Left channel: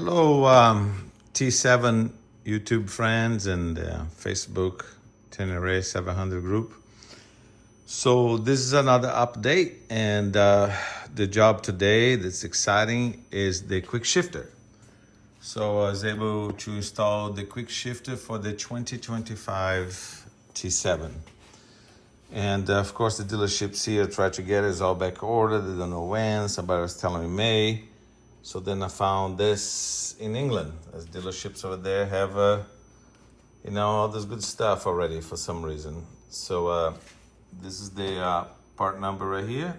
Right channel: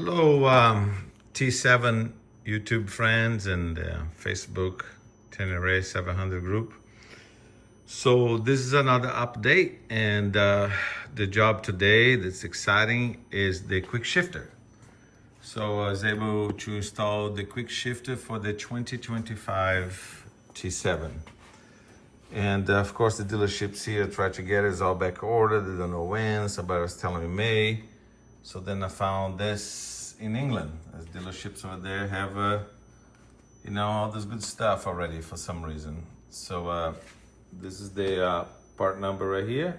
Hello, T7 YouTube friends and Facebook Tenere 700 group. So this is another update, and the job today that's exciting is the Quickshifter. So I was able to install the Quickshifter for the 2025 T7. And of course the dealerships here tried to get it, it's all back ordered, they don't know when, somebody was telling me May. So then I found this in England, as dealerships over there have, all this good stuff already for some reason. So this is the part number right here.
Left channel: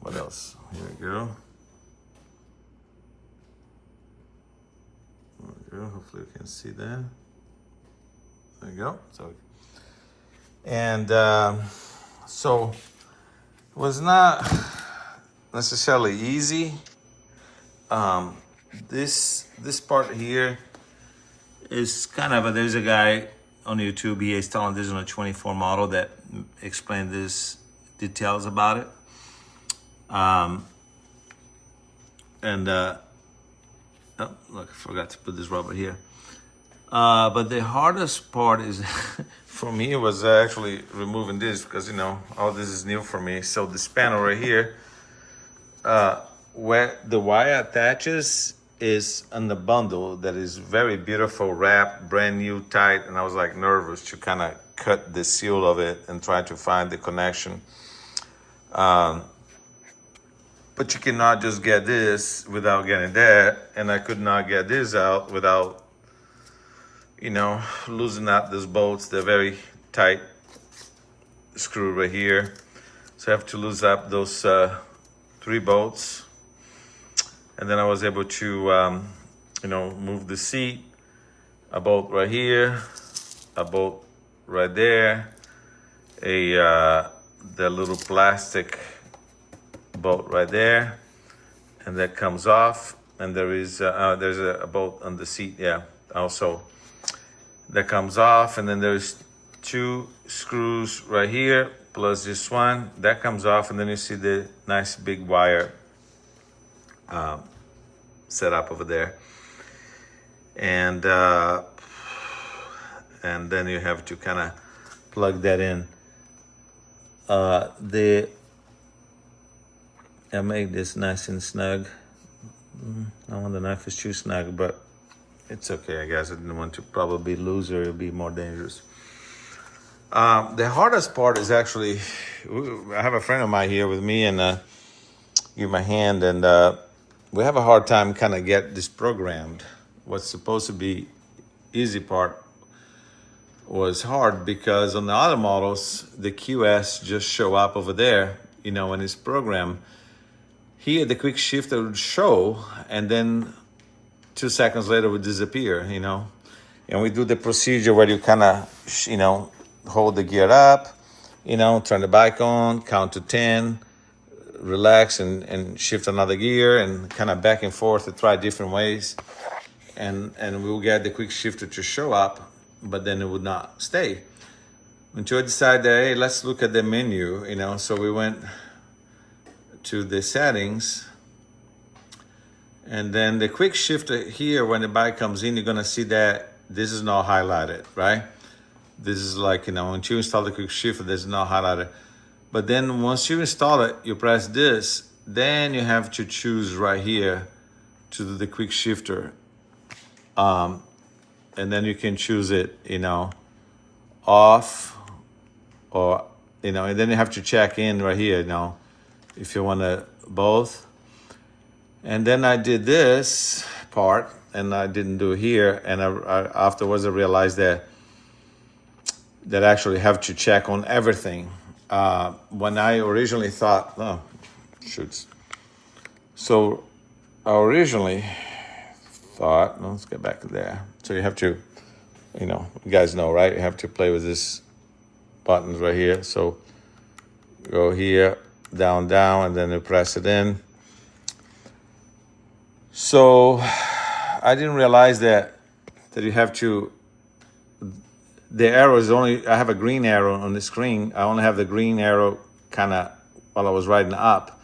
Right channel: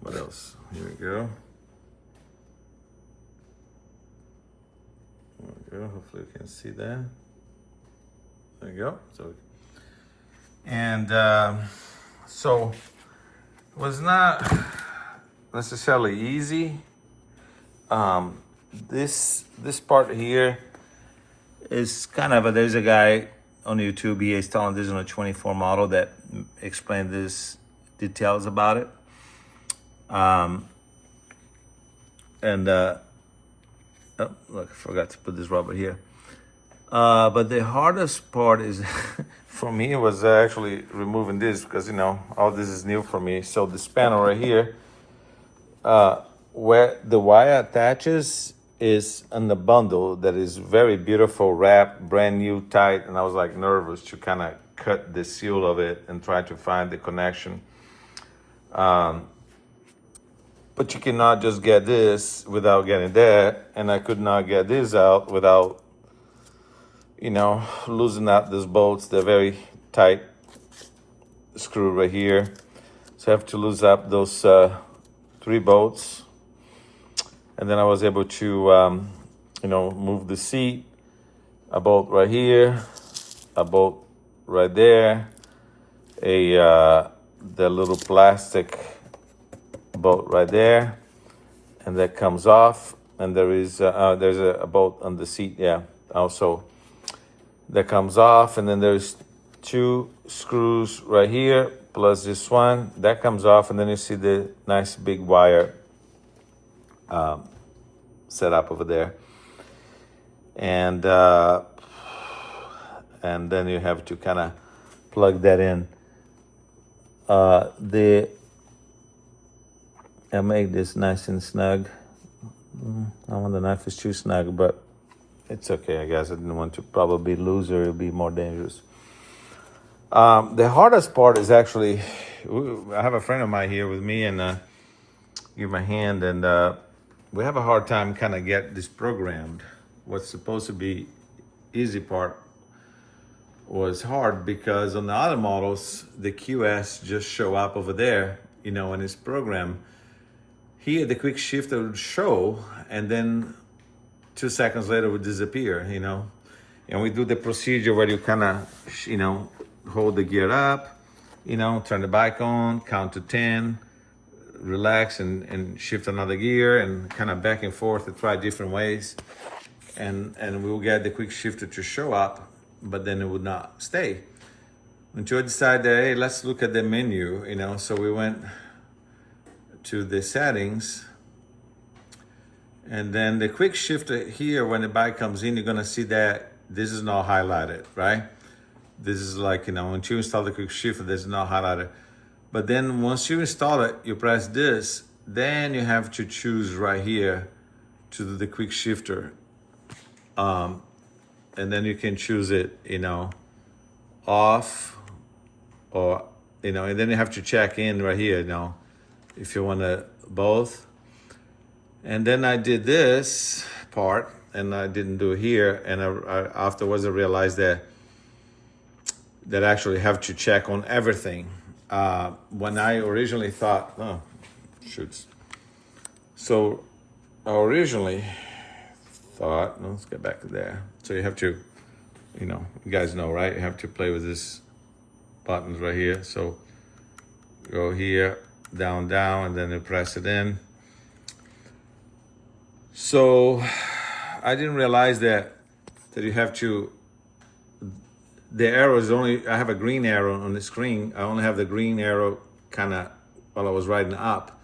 What else? Here we go. There we go. Hopefully you can see that. There you go. So it was not necessarily easy. This part here is kind of there's a guy on YouTube, he is telling this on a 24 model that explained this details about it. Oh, look, I forgot to put this rubber here. But the hardest part is for me was actually removing this, because all this is new for me. So the spanner right here, where the wire attaches is on the bundle that is very beautiful, wrapped, brand new, tight, and I was like nervous to kind of cut the seal of it and try to find the connection. But you cannot just get this without getting that, and I could not get this out without loosening up these bolts. They're very tight screw right here, so I have to loosen up those 3 bolts. And then I was able to, move the seat, a bolt right here, a bolt right there, the little plastic bolt right there, and that comes off. And there's a bolt on the seat, yeah, also that comes off. And then there's 2 screws right here, plus this one, that comes off. And then you see the nice big wire set up over there, and then you have to kind of plug that in. I make this nice and snug. I want the knife is too snug, but it's okay, I guess. I didn't want to probably lose or it'll be more dangerous. The hardest part is actually, I have a friend of mine here with me, and give my hand, and we have a hard time kind of get this programmed. What's supposed to be easy part was hard, because on the other models, the QS just show up over there, in its program. Here, the Quickshifter would show, and then 2 seconds later would disappear, And we do the procedure where you kind of, hold the gear up, turn the bike on, count to 10, relax and shift another gear, and kind of back and forth to try different ways. And we'll get the Quickshifter to show up, but then it would not stay. Until I decided that, hey, let's look at the menu, So we went to the settings, and then the Quickshifter here, when the bike comes in, you're gonna see that this is not highlighted, right? This is like, once you install the Quickshifter, this is not highlighted. But then once you install it, you press this, then you have to choose right here to do the Quickshifter. And then you can choose it, off, or, and then you have to check in right here, if you want to both. And then I did this part, and I didn't do here. And I afterwards I realized that I actually have to check on everything. When I originally thought, oh, shoots. So I originally thought, let's get back to there. So you have to, you guys know, right? You have to play with this buttons right here. So go here, down, down, and then you press it in. So I didn't realize that you have to, the arrow is only, I have a green arrow on the screen. I only have the green arrow kind of while I was riding up.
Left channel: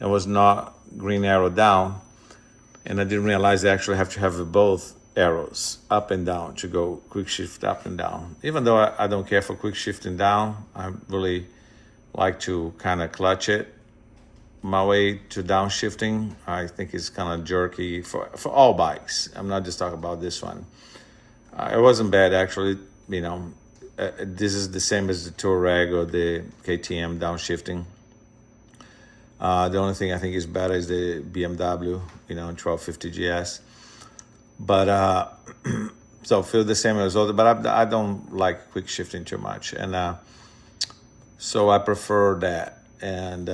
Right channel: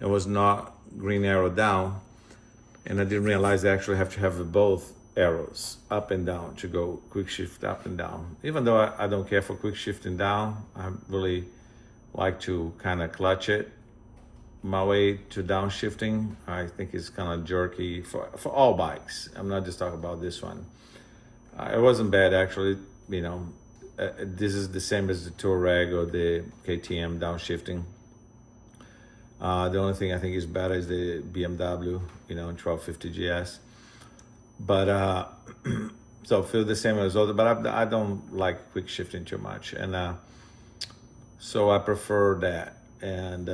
It was not green arrow down. And I didn't realize I actually have to have both arrows up and down to go quick shift up and down. Even though I don't care for quick shifting down, I really like to kind of clutch it my way to downshifting. I think it's kind of jerky for all bikes. I'm not just talking about this one. It wasn't bad actually. This is the same as the Touareg or the KTM downshifting. The only thing I think is better is the BMW, 1250 GS. But so feel the same as other, but I don't like quick shifting too much, and so I prefer that. And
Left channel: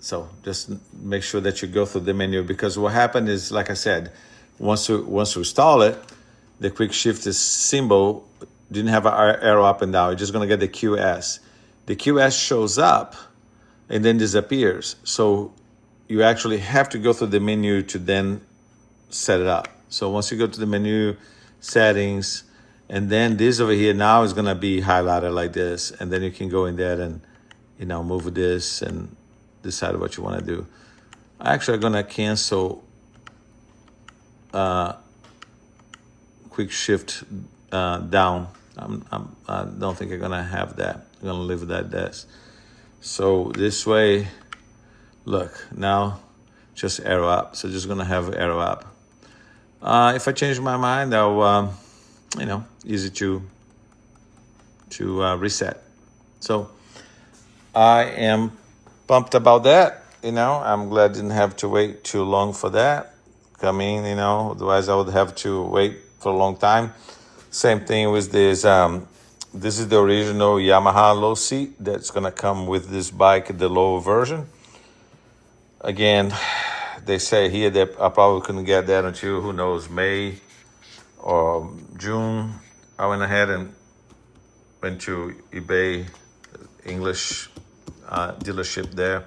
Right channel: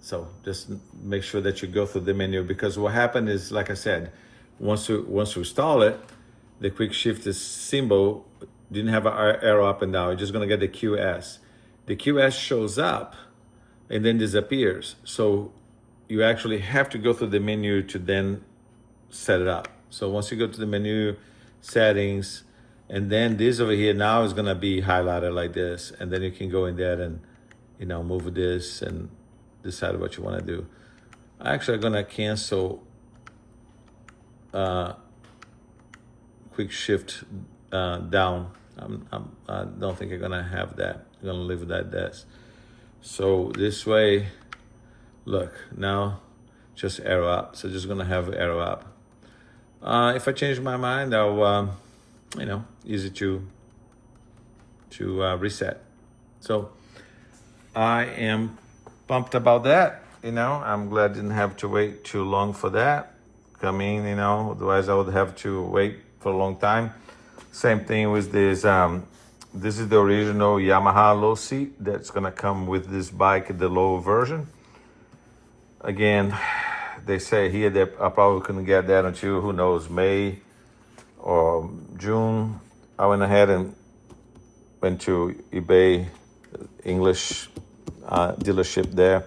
so just make sure that you go through the menu, because what happened is, like I said, once you install it, the quick shift symbol didn't have an arrow up and down. You're just gonna get the QS. The QS shows up and then disappears. So you actually have to go through the menu to then set it up. So once you go to the menu, settings, and then this over here now is gonna be highlighted like this, and then you can go in there and move this and decide what you want to do. Actually, I'm gonna cancel quick shift down. I don't think I'm gonna have that. I'm gonna leave that this. So this way, look, now just arrow up. So just gonna have arrow up. If I change my mind, I'll, easy to reset. So I am pumped about that. I'm glad I didn't have to wait too long for that coming. Otherwise I would have to wait for a long time. Same thing with this. This is the original Yamaha low seat that's gonna come with this bike, the low version. Again, they say here that I probably couldn't get that until, who knows, May or June. I went ahead and went to eBay English dealership there.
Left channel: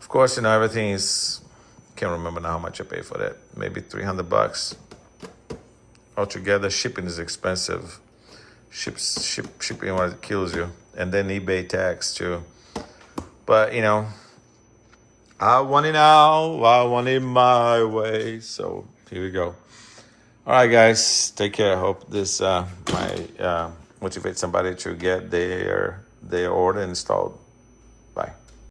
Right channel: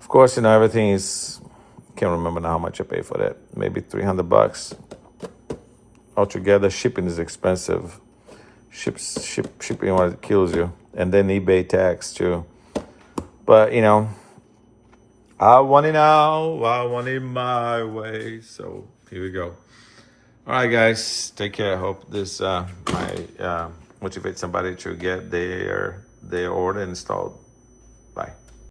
Of course, everything is, can't remember now how much I paid for that. Maybe $300 altogether. Shipping is expensive. Shipping what kills you, and then eBay tax too. But I want it now. I want it my way. So here we go. All right, guys, take care. I hope this might motivate somebody to get their order installed.